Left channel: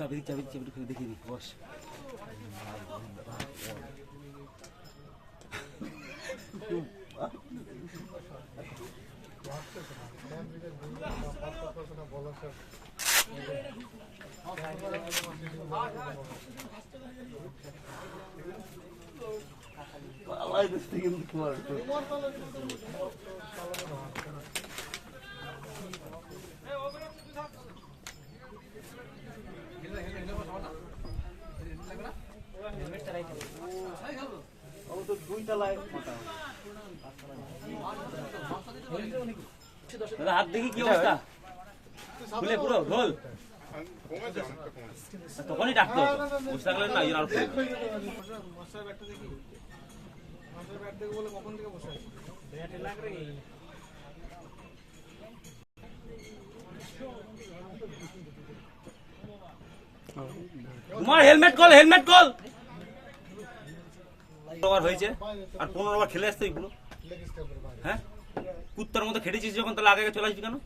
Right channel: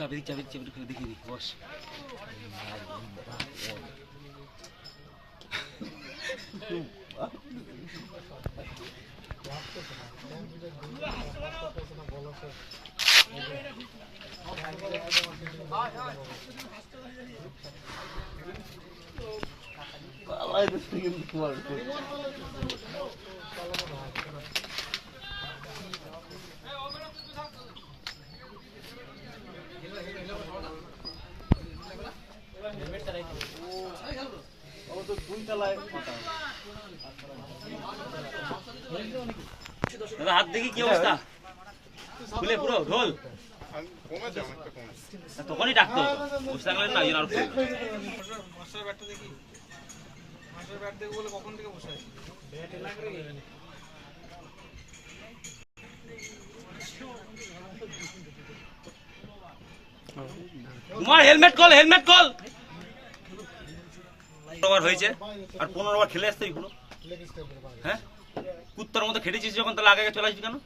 চাবি দেখিনি বস। হাত দেখি কি অবস্থা, খুলে পুরো ঢোল তখনই ডাকতো বুঝতে পারলেন না। তোমার হেলমেট কল হয়েছে আর 15 বার খেলে আসতে এগুলো। হ্যাঁ কুত্তার মতো খেটেছিস যখন, তাহলে আগে চলে আসবি কেন?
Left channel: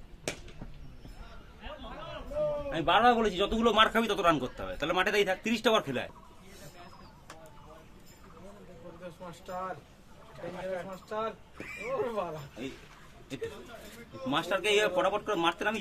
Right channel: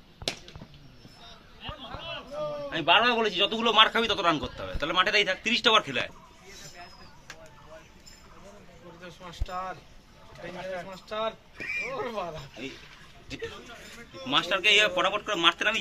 আমি বারবার বলেছি যতগুলো মার খাবি তত রান করতে হবে, তাহলে মাঠে তাই থাক। 30টা বার খেলায় মাস্টারকে ফটাফট করে মারতে নামি।